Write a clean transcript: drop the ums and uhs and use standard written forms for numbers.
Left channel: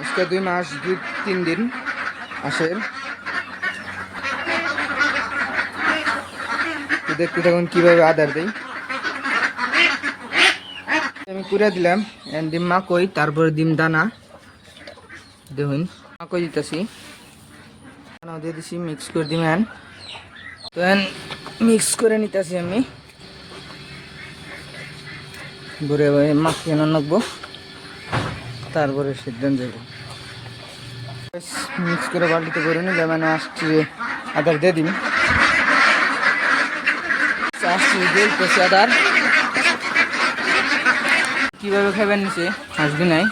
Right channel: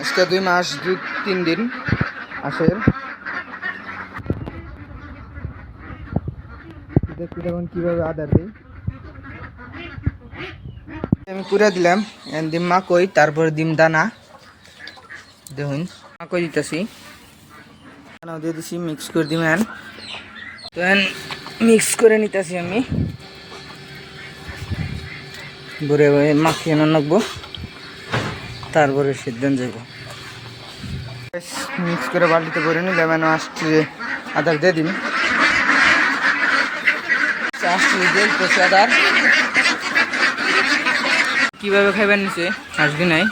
আজকে 2 মাস 2-3 দিন আসের দেখতে থাকুন কিভাবে আদার দেই। আমি পুরা দিলাম ডিম মাকই, তারপর ডিম দানা দেখুন মাকই দিতেছি, দানাও দিয়ে দিছি, মিক্স করে দিম। তো মিক্স করে নিতেছি আমি, ঘুরে মাখিয়ে রাখবো, তারপরে সিদ্ধান্ত যাবো। মিক্স করে বালতিতে ভরে নিলাম, আসছে আদার দিয়ে দিন। আদার কিভাবে খাইবার নিচে আসবি নাই।